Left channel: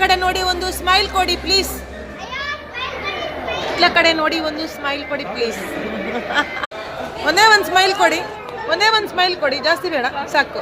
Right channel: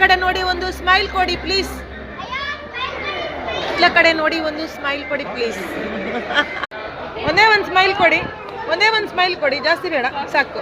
ಕಡೆ ನೋಡಿ ಒಂದು ಸ್ಮೈಲ್ ಕೊಡಿ ಪ್ಲೀಸ್. ಎಲ್ಲ ಕಡೆ ನೋಡಿ ಒಂದು ಸ್ಮೈಲ್ ಕೊಡಿ ಪ್ಲೀಸ್. ಒಂದೇ ಒಂದು ಸ್ಮೈಲ್ ಕೊಡಿ, ಒಂದೇ ಒಂದು ಸ್ಮೈಲ್ ಕೊಡಿ, ಜಾಸ್ತಿ ಬೇಡ, ಸಾಕು.